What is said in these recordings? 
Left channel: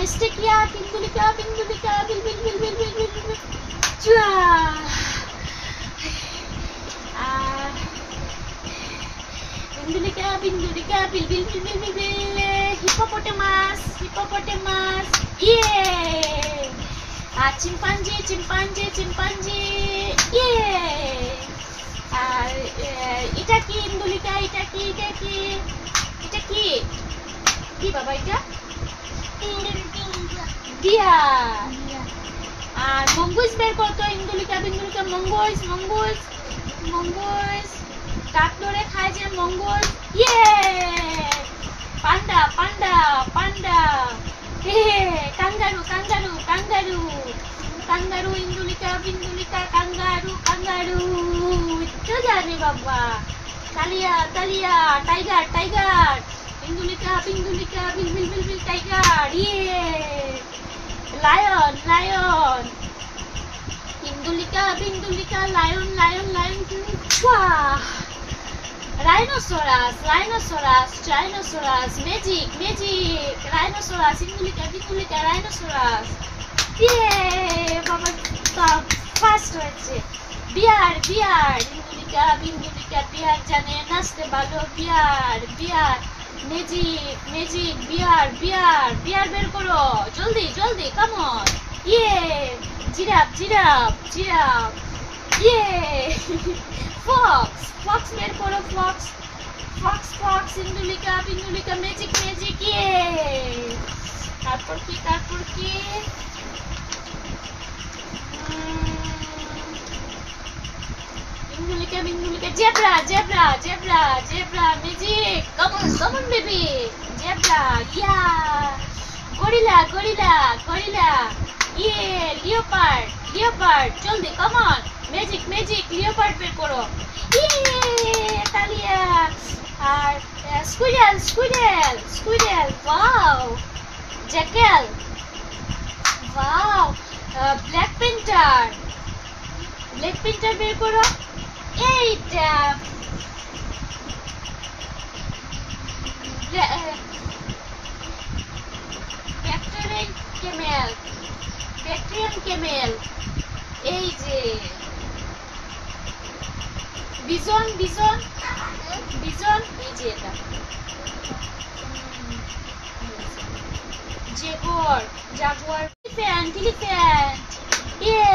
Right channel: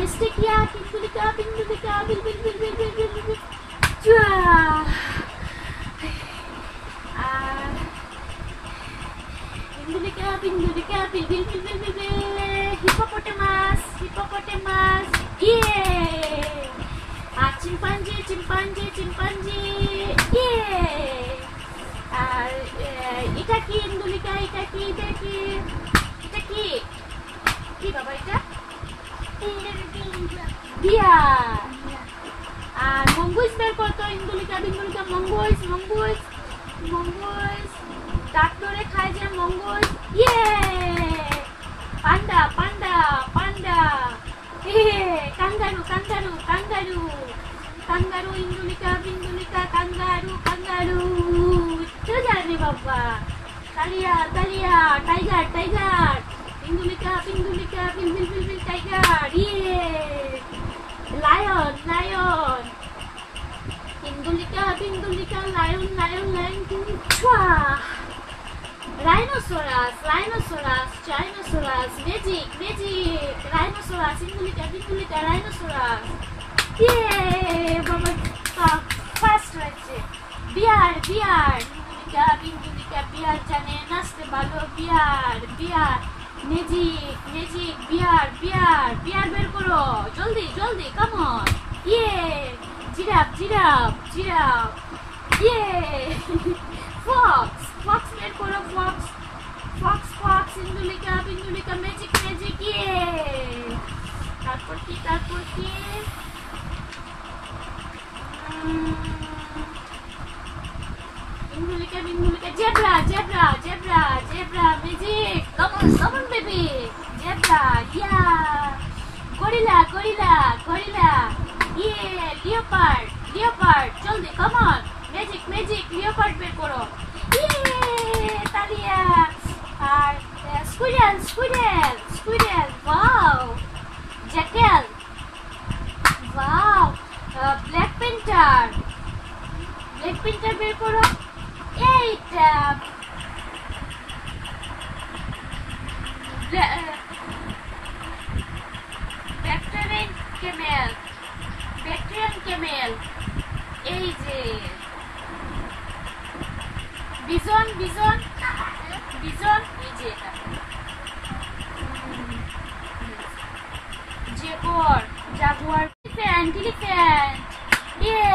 Mistake ইয়া পিন্দুলিকা পিন্দুলিকা বিল বিল বিল বিল বিল বিল বিল পিন্দুলিকা পিন্দুলিকা বিল বিল বিল বিল বিল বিল হিপোপটেমাস হিপোপটেমাস ইয়ে আর চিম্পাঞ্জি চিম্পাঞ্জি চিম্পাঞ্জি ইয়ে আর এটা কি ইন্দুলিকা এটা কি এটা কি এটা কি কি বাবা এটা ডিয়ার আর মঙ্গুস বের করতো ইন্দুলিকা বিন্দুলিকা মঙ্গুস মঙ্গুস মঙ্গুস দাঁত ধরে খায় যে মঙ্গুস ইয়ে পান্ডা পান্ডা পান্ডা কাঙ্গারু কাঙ্গারু কাঙ্গারু কাঙ্গারু ইন্দুলিকা বিন্দুলিকা কাঙ্গারু কাঙ্গারু তো জানে বাবা কালিয়া কালিয়া টাইগার টাইগার ইন্দুলিকা বিন্দুলিকা বিল বিল বিল বিল টাইগার ইয়ে লায়ন লায়ন ইন্দুলিকা বিন্দুলিকা লায়ন লায়ন লায়ন ছুয়া rhinoceros rhinoceros rhinoceros magic magic rhinoceros ইন্দুলিকা বিন্দুলিকা রাইনোসরাস ইয়ে বাবা ফার্স্ট হয়েছে বিয়ার বিয়ার ইন্দুলিকা বিন্দুলিকা বিয়ার জানে নাচতে ভালো বিয়ার বিয়ার ম্যাজিক ম্যাজিক বিয়ার বিয়ার বিয়ার বের করো জলদি জলদি কাম অন ইয়ে জিরাফ জিরাফ জিরাফ ইয়ে ফক্স ফক্স বের করো ফক্স ফক্স ফক্স ইন্দুলিকা বিন্দুলিকা ম্যাজিক ম্যাজিক ইয়ে তারপর কি ইন্দুলিকা বিন্দুলিকা zebra zebra zebra zebra magic come on baby zebra ইয়া গরিলা গরিলা গরিলা ইয়ে লিওপার্ড লিওপার্ড জলদি come on magic magic leopard বের করো ইয়ে তালিয়া আর squirrel squirrel squirrel wow jackal wow black panther black panther বের করো এইটা ব্যাকটেরিয়ান ক্যামেল ব্যাকটেরিয়ান ক্যামেল এই যে বিজন বিজন বিজন এই যে এটা জেগর জাগুয়ার এলিফ্যান্ট এলিফ্যান্ট ইয়ে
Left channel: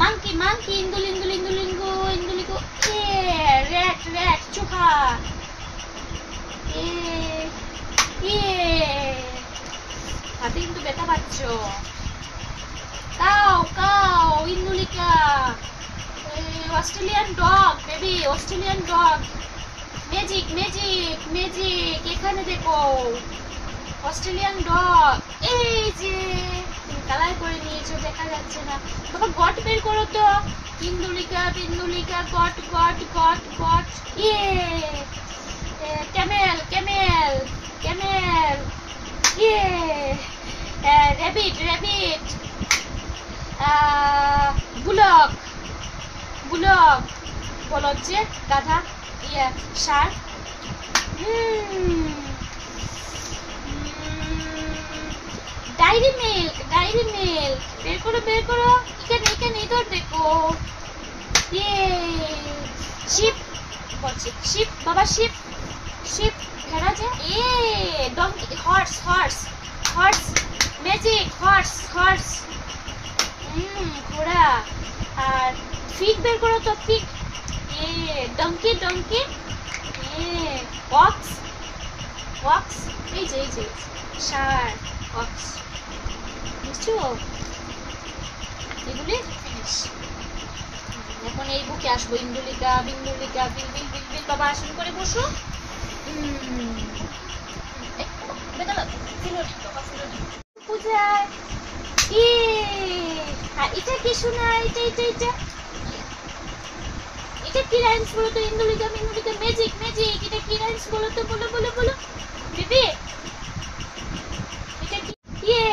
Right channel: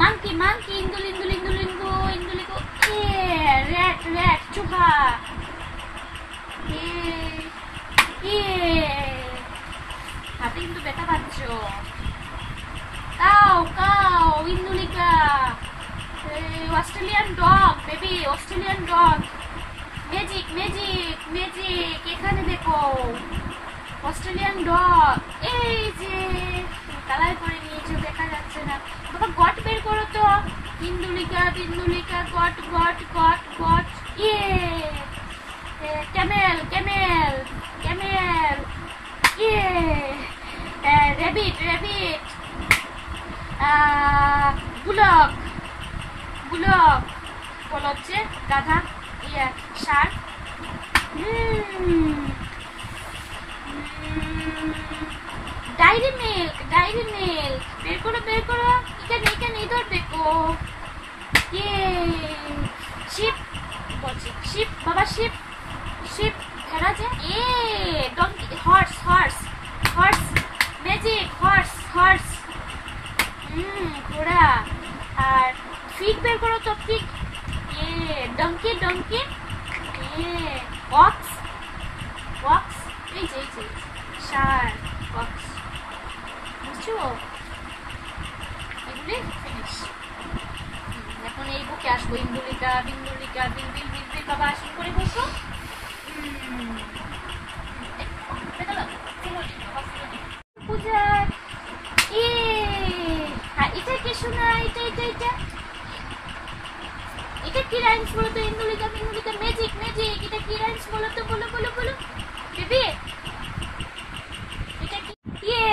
মাঙ্কি মাঙ্কি ইন্দুল ইন্দুল ইন্দুল ইন্দু ইন্দুলিকো ইয়ে র্যাট র্যাট চুহা ইয়ে হাতে কিন্তু ব্যথা পাচ্ছ কাউ কাউ ইন্দুলিকা Australian dog baby Australian dog magic magic magic এখানে দেখো অস্ট্রেলিয়ান ডগ এই যে কালার করে নিয়েছো দেখা যাচ্ছে না বাবা গট বের করো তো ইন্দুলিকা বিন্দুলিকা গট গট গট গট ইয়ে ক্যামেল ক্যামেল ক্যামেল ইয়ে র্যাবিট র্যাবিট বুলক বুলক বলদ যে গাধা ইয়ে ষাঁড় ডায়েরি মিল্ক বের করো এখানে এখানে ইধর দেখো ইয়ে শিপ বলছি শিপ বাবা শিপ শিপ ভেড়া যে a donkey horse horse horse magic horse horse ঘোড়া আর ফিগ বের করো তো fig a donkey donkey a ox ox এই যে ষাঁড় অক্স বুঝছো এগুলি ফিনিশ এখন এই বুকে আসবো ইন্দুলিকা বিন্দুলিকা বিল বিল বিল বিল বাবা আসুন করে বসো পূজা এটা কি শোনা এটা এটা এটা এটা কি রাইমস বলো তো ইন্দুলিকা বিন্দুলিকা ম্যাজিক ম্যাজিক এটা কি রাইমস বলো তো বলো বলো বলো বেবি এটা কি ইয়ে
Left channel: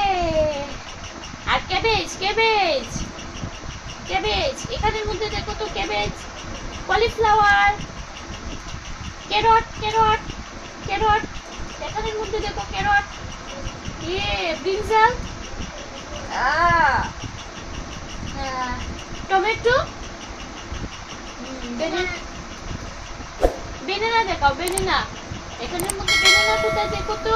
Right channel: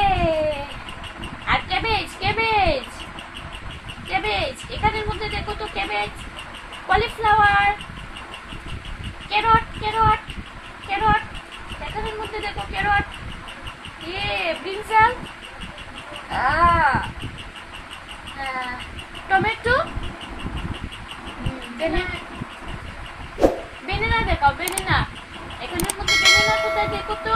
আর ক্যাবেজ ক্যাবেজ ক্যাবেজ এখানের মধ্যে দেখো তো cabbage cauliflower carrot carrot carrot এখানের মধ্যে দেখো ক্যারট ইয়ে ব্রিনজাল, টমেটো, বেনানা দেখাও, বেনানা। এখানের মধ্যে বেনানা কোথায় দেখো তো?